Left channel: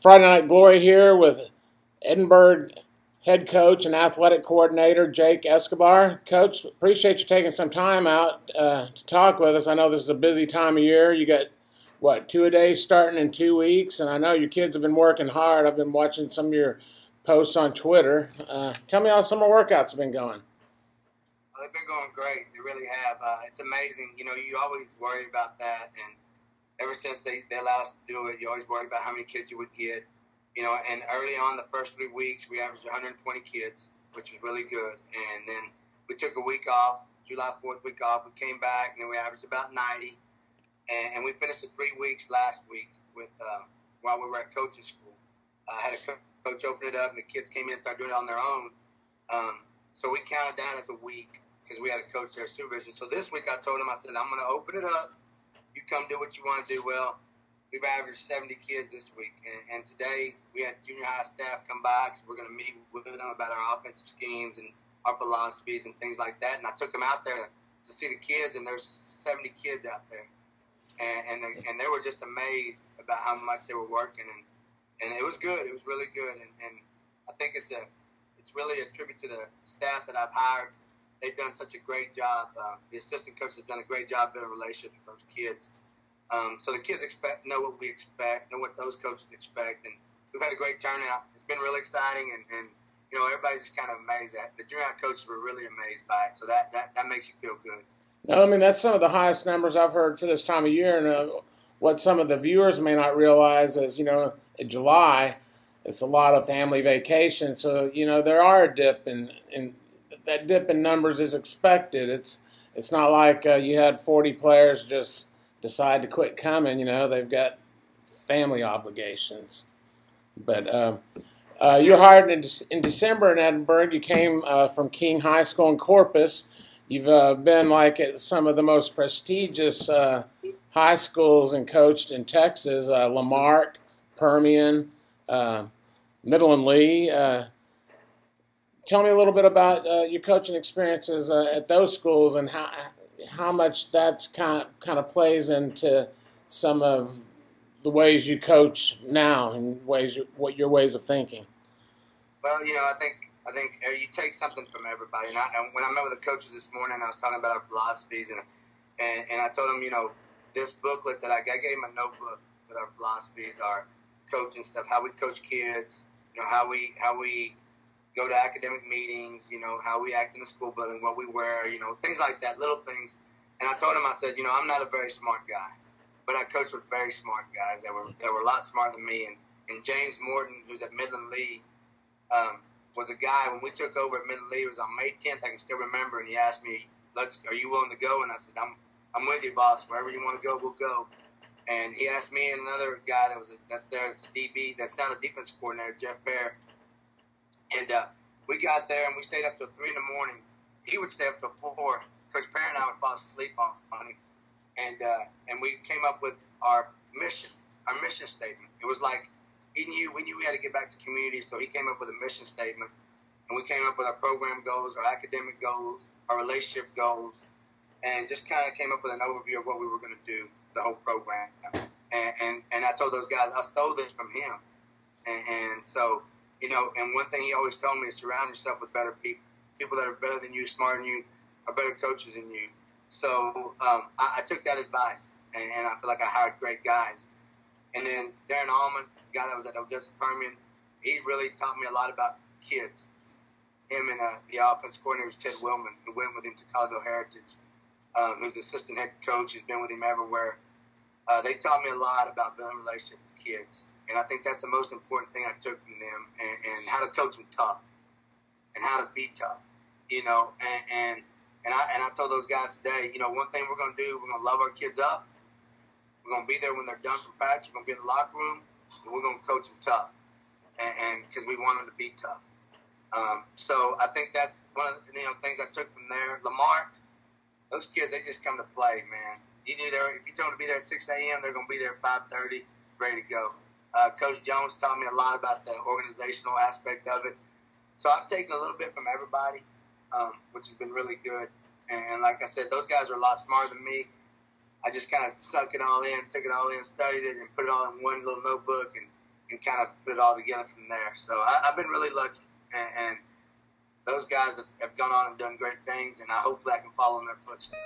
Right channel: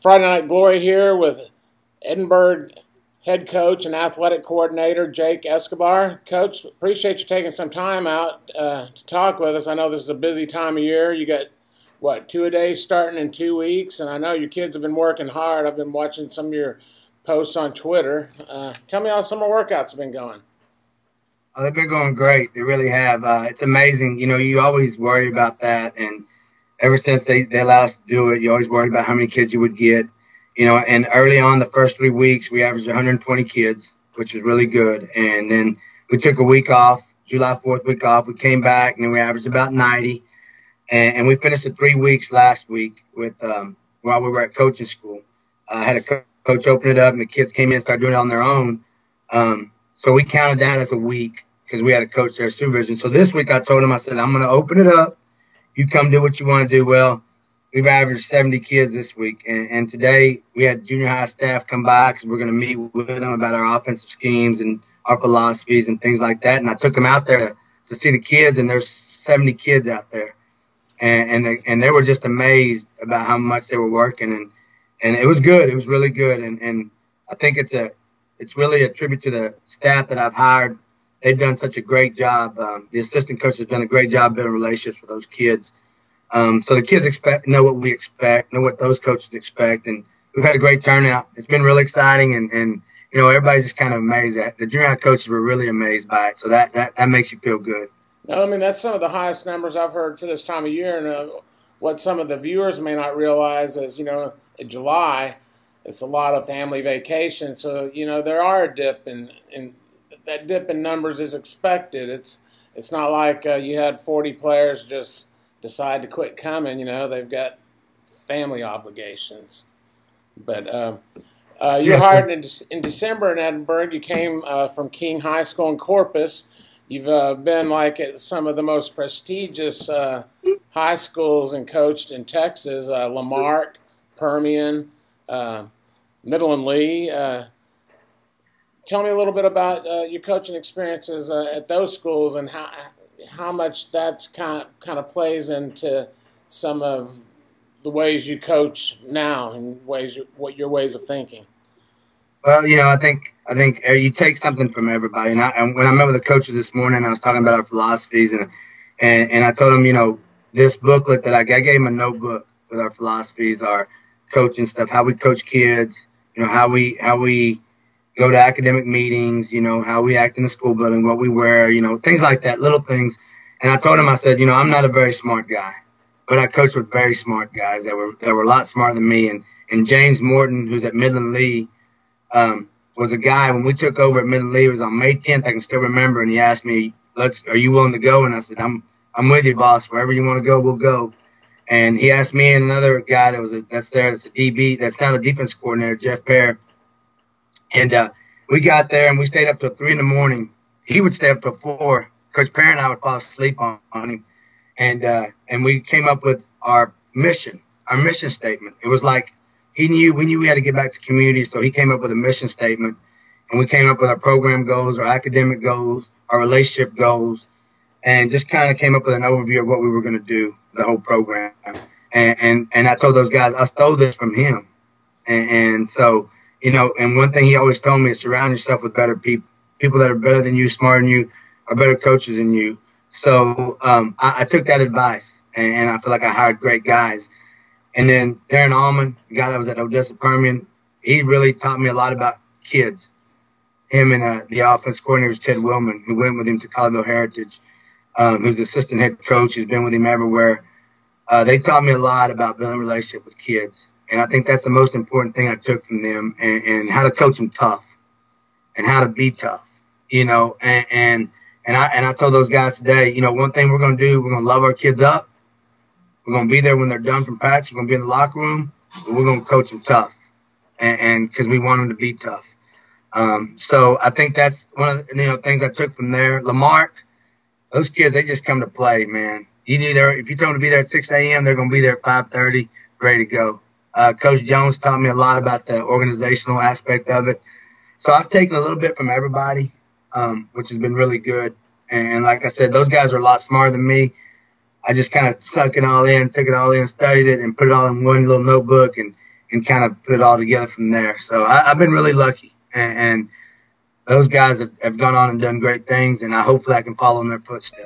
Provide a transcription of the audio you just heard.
Friday Night Glory here with Edinburg head coach and athletic coordinator Jake Escobar. Coach, appreciate you taking some time out to talk with us. I know this is a busy time of year. You got, what, two-a-days starting in 2 weeks, and I know your kids have been working hard. I've been watching some of your posts on Twitter. Tell me how some of the workouts have been going. Oh, they've been going great. They really have. It's amazing. You always worry about that. And ever since they allowed us to do it, you always worried about how many kids you would get. And early on, the first 3 weeks, we averaged 120 kids, which was really good. And then we took a week off, July 4th week off. We came back, and then we averaged about 90. And we finished the 3 weeks last week with while we were at coaching school. I had a coach open it up, and the kids came in and started doing it on their own. So we counted that as a week because we had a coach there, supervision. So this week I told him, I said, I'm going to open it up. You come do what you want to do. Well, we've averaged 70 kids this week. And today we had junior high staff come by because we're going to meet with them about our offensive schemes and our philosophies and things like that. And I took them out there to see the kids, and there's 70 kids out there. And they were just amazed about how much they were working. And it was good. It was really good. And I think it's really a tribute to the staff that I've hired. They've done such a great job. The assistant coach has done a great job building relationships with those kids. So the kids know what we expect, know what those coaches expect, and we've had a great turnout. It's been really exciting, and everybody's just kind of amazed at the junior high coaches were really amazed by it. So that makes you feel good. No, I mean, that's some of the highest numbers I've heard for this time of year. And what some of the viewers may not realize is, in July, it's a lot of family vacation. So, there are a dip, and that dip in numbers is expected. It's not like you had 40 players just decide to quit coming. They've got family obligations. But you were hired in December in Edinburg. You came from King High School in Corpus. You've been at some of the most prestigious high schools and coached in Texas, Lamarck, Permian, Middle and Lee. Tell me a little bit about your coaching experiences at those schools and how much that's kind of plays into some of the ways you coach now and what your ways of thinking. Well, I think you take something from everybody. And when I met with the coaches this morning, I was talking about our philosophies, and I told them, this booklet that I gave them a notebook with our philosophies, our coaching stuff, how we coach kids, how we go to academic meetings, how we act in the school building, what we wear, things like that, little things. And I told him, I said, I'm not a very smart guy, but I coached with very smart guys that were a lot smarter than me. And James Morton, who's at Midland Lee, was a guy when we took over at Midland Lee. It was on May 10th. I can still remember. And he asked me, "Are you willing to go?" And I said, "I'm with you, boss. Wherever you want to go, we'll go." And he asked me and another guy that's a DB, that's now the defense coordinator, Jeff Pear. And we got there and we stayed up till 3 in the morning. He would stay up till 4. Coach Pear and I would fall asleep on him. And we came up with our mission statement. It was like we knew we had to get back to community, so he came up with a mission statement, and we came up with our program goals, our academic goals, our relationship goals, and just kind of came up with an overview of what we were going to do, the whole program. And I told those guys, I stole this from him. And so, and one thing he always told me is surround yourself with better people that are better than you, smarter than you, are better coaches than you. So I took that advice, and I feel like I hired great guys. And then Darren Allman, the guy that was at Odessa Permian, he really taught me a lot about kids. Him and the offense coordinator was Ted Willman, who went with him to Colleyville Heritage, who's assistant head coach, who's been with him everywhere. They taught me a lot about building a relationship with kids. And I think that's the most important thing I took from them, and how to coach them tough and how to be tough, And I told those guys today, one thing we're going to do, we're going to love our kids up. We're going to be there when they're done from practice. We're going to be in the locker room. But we're going to coach them tough, and because we want them to be tough. So I think that's one of the things I took from there. Lamarck, those kids, they just come to play, man. If you tell them to be there at 6 a.m., they're going to be there at 5:30, ready to go. Coach Jones taught me a lot about the organizational aspect of it. So I've taken a little bit from everybody, which has been really good. And like I said, those guys are a lot smarter than me. I just kind of took it all in, studied it, and put it all in one little notebook. And and kind of put it all together from there. So I've been really lucky, and those guys have gone on and done great things, and hopefully I can follow in their footsteps.